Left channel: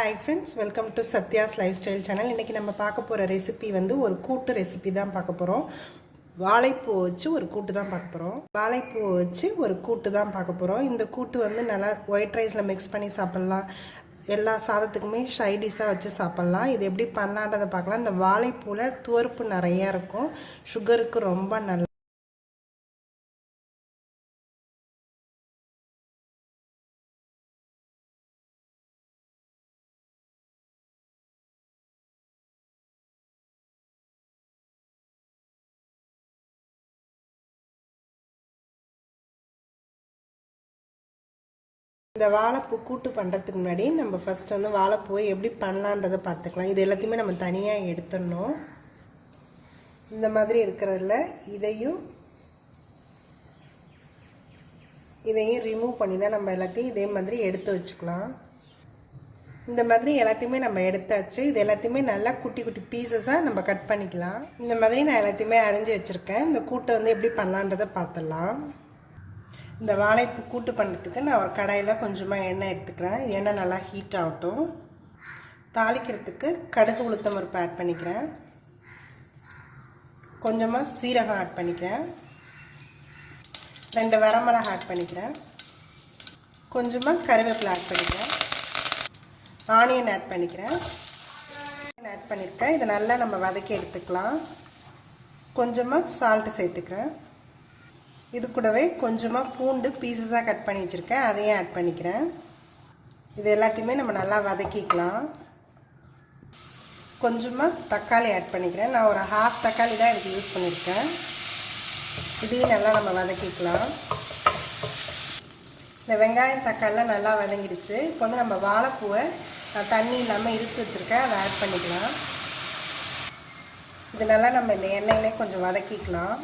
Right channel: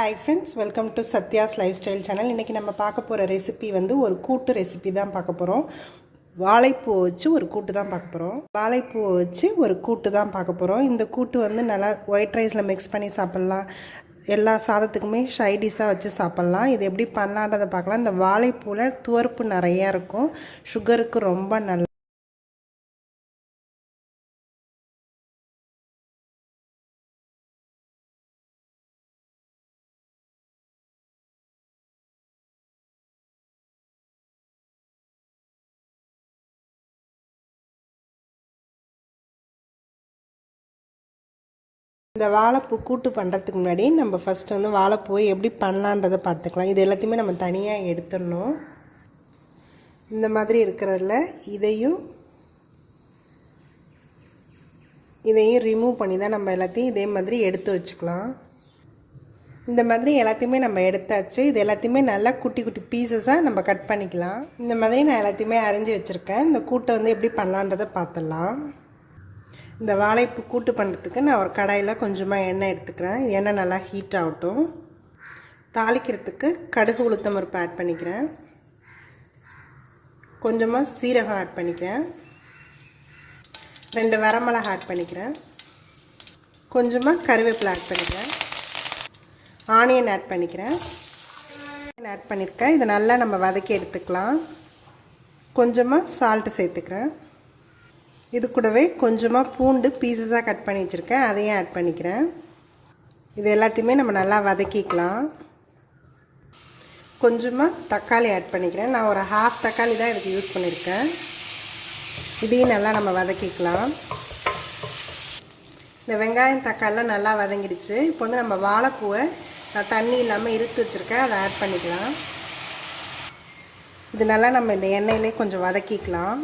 Hi friends, welcome to Satya's Lifestyle Channel. இன்னைக்கு நம்ம பார்க்க போற ரெசிபி வந்து ஒரு கூட்டு ரெசிபி தான் பார்க்க போறோம். வாழைப்பூ வச்சு ஒரு கூட்டு தான் பார்க்க போறோம். வாழைப்பூ வச்சு ஒரு கூட்டு தான் பார்க்க போறோம். இந்த கூட்டு வந்து நல்லா ஒயிட் ரைஸ்ல mix பண்ணி சாப்பிடலாம். எல்லா சாதத்துக்குமே சைட் டிஷ்ஷா வச்சு சாப்பிடலாம். இது எப்படி பண்ணலாம்ன்றதை பார்க்கலாம். இந்த வாழைப்பூல துவர்ப்பு நிறைய இருக்கும். சுகருக்கு ரொம்ப நல்லது. இந்த வாழைப்பூ கூட்டு பண்ணுறதுக்கு முன்னாடி நம்ம ஃபஸ்ட்டு வந்து வாழைப்பூவை எப்படி பண்ணலான்றதை பார்த்துக்கலாம். இது எல்லாத்தையுமே நம்ம தனியாக எடுத்துடணும். இந்த மாதிரி இருக்கிறதுல இதையும் ரிமூவ் பண்ணி தான் நம்ம எல்லாத்தையும் இதே மாதிரி எடுத்து வச்சுக்கலாம். இந்த மாதிரி எல்லாத்தையுமே நம்ம எடுத்தாச்சு. இது எல்லாத்தையுமே நல்லா குட்டி குட்டி பீசஸாக நம்ம கட் பண்ணிக்கலாம். இந்த மாதிரி நான் எல்லாத்தையுமே அரைஞ்சி வச்சுருக்கேன். இந்த கூட்டை வந்து எப்படி பண்ணலான்றதை பார்த்துடலாம். இந்த வாழைப்பூ கூட்டு பண்ணுறதுக்கு நான் ஒரு கடாயில் கொஞ்சமாக எண்ணெய் எடுத்துக்கிறேன். எண்ணெய் நல்லா ஹீட் ஆகட்டும். தாளிக்கிறதுக்கு கடுகு உளுத்தம் பருப்பு ஆட் பண்ணிக்கிறேன். கொஞ்சமாக சீரகம் ஆட் பண்ணிக்கிறேன். 2 வரமிளகாய் ஆட் பண்ணிக்கிறேன். கொஞ்சமாக கருவேப்பிலை ஆட் பண்ணிக்கிறேன். ஆனியன் ஆட் பண்ணிக்கிறேன். ஆட் பண்ணியிருக்கேன். இதை நல்லா நம்ம வதக்கி எடுத்துக்கலாம். கொஞ்சமாக சால்ட்டு சேர்த்துக்கிறேன். இது கூடவே கொஞ்சமாக பூண்டு பீசஸாக கட் பண்ணி வச்சுருக்கேன். அதையும் ஆட் பண்ணிக்கிறேன். இது எல்லாத்தையுமே நம்ம நல்லா வதக்கிக்கலாம். கொஞ்சமாக தக்காளி ஆட் பண்ணிக்கிறேன். நான் ஒரு ½ தக்காளி தான் இதுக்கு யூஸ் பண்ணியிருக்கேன். இதையும் நல்லா நம்ம வதக்கிக்கலாம். இந்த வெங்காயம் தக்காளிலாம் நல்லா வதங்கிடுச்சு. இப்போ வந்து நம்ம வாழைப்பூவை நான் தண்ணி இல்லாமல் இறுத்து வச்சுருக்கேன். அதை ஆட் பண்ணிக்கலாம். இது நல்லா நம்ம இந்த எண்ணெயிலே கொஞ்சம் வதக்கிக்கலாம்.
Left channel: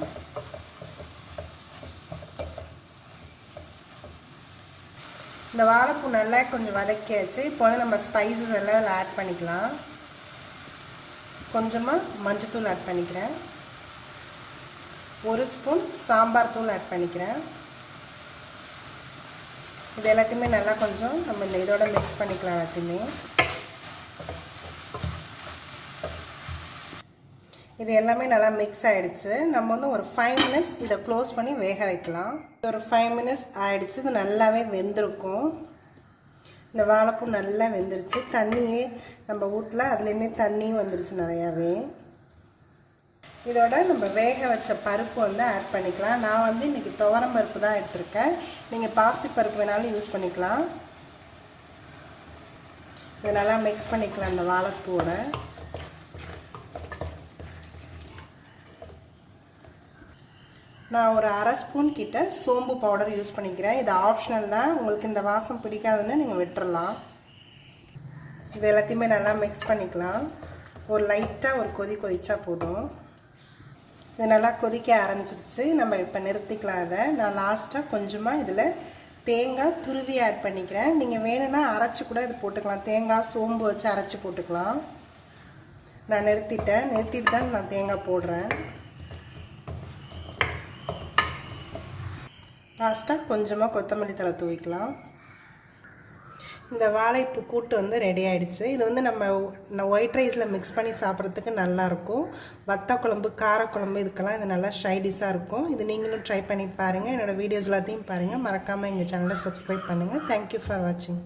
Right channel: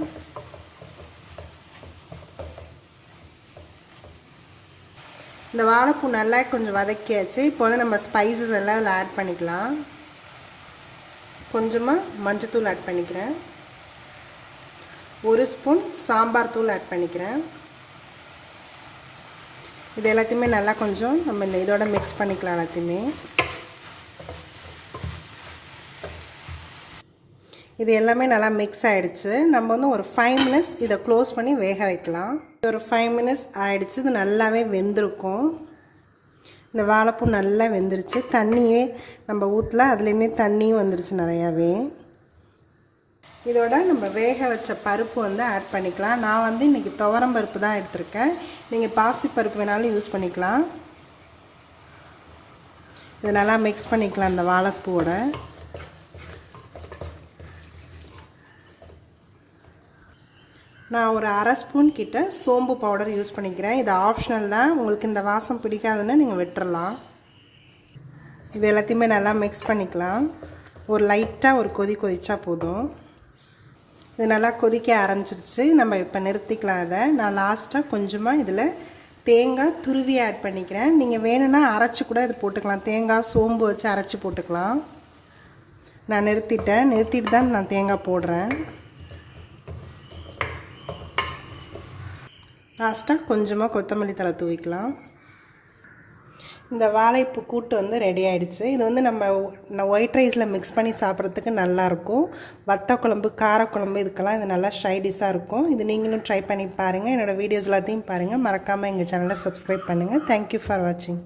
இந்த வாழைப்பூ நல்லா கொஞ்சம் வதக்கியாச்சு. இப்போ வந்து நம்ம ஸ்பைசஸ் எல்லாம் அதில் ஆட் பண்ணிக்கலாம். கொஞ்சமாக மஞ்சத்தூள் ஆட் பண்ணிக்கிறேன். 1 ஸ்பூன் சாம்பார் தூள் ஆட் பண்ணிக்கிறேன். இது எல்லாத்தையுமே நல்லா கொஞ்சம் நம்ம இந்த இதோட மிக்ஸ் பண்ணிக்கலாம். எல்லாத்தையுமே இது எல்லாமே நல்லா மிக்ஸ் ஆகிடுச்சு. நம்ம வந்து ஒரு 5 மினிட்ஸ் இதை க்ளோஸ் பண்ணி வேக வைக்கலாம். ஒரு 5 மினிட்ஸ் ஆகிடுச்சு. இது நல்லாவே வெந்திருக்கும். இந்த வாழைப்பூ நல்லா வெந்துருச்சு. தண்ணியே நம்ம ஊற்றல, அதுலேருந்தே தண்ணியும் வந்துருச்சு நிறையாவே. இதோட நம்ம வேக வச்ச பருப்பு வந்து ஆட் பண்ணிக்கலாம். நான் வந்து இன்றைக்கி துவரம் பருப்பு தான் எடுத்திருக்கேன். நீங்கள் பாசி பருப்பு வேணாலும் யூஸ் பண்ணிக்கலாம். இதை நல்லா மிக்ஸ் பண்ணிக்கலாம். இந்த வாழைப்பூவோட நான் ஒரு ½ ஸ்பூன் கிட்ட சோம்பு பவுடர் யூஸ் பண்ணிக்கிறேன். இது ஆப்ஷனல் தான். உங்களுக்கு இந்த வாசம் பிடிக்காதுன்னா நீங்கள் விட்டுறலாம். இது எல்லாத்தையுமே நல்லா மிக்ஸ் பண்ணிக்கலாம். ஒரு லைட்டாக ஒரு கொதிச்சா போதும். இது நல்லா கொதிக்க ஆரம்பிச்சிருச்சு. நம்ம இப்போ நிறுத்திக்கலாம். அதை நான் லாஸ்ட்டாக கொஞ்சமாக இதில் தேங்காய் துருவி ஆட் பண்ணிக்கிறேன். நீங்கள் வேணும்னா அரைச்சி கூட இது போட்டுக்கலாம். தேங்காய் சோம்பு வச்சு அரைச்சி போட்டுக்கலாம். நான் நிறுத்திட்டு தான் நான் தேங்காய் போடுறேன். லாஸ்ட்டாக கொஞ்சமாக கொத்தமல்லி தழை தூவிக்கலாம். இந்த வாழைப்பூ கூட்டு வந்து ரெடி ஆகிடுச்சு. இது வந்து நம்ம ஒயிட் ரைஸில் மிக்ஸ் பண்ணி சாப்பிட்றதுக்கு நல்லாயிருக்கும். வத்த குழம்பு, காரக்குழம்பு இதுக்கெல்லாம் இது நல்லா ஷைடிஷாக இருக்கும். இது நீங்களும் ட்ரை பண்ணி பாருங்கள். என்னோடய வீடியோஸ் எல்லாத்தையும் பாருங்கள். மறக்காமல் எங்கள் சேனலை சப்ஸ்கிரைப் பண்ணுங்கள். தேங்க்யூ ஃபார் வாட்சிங்.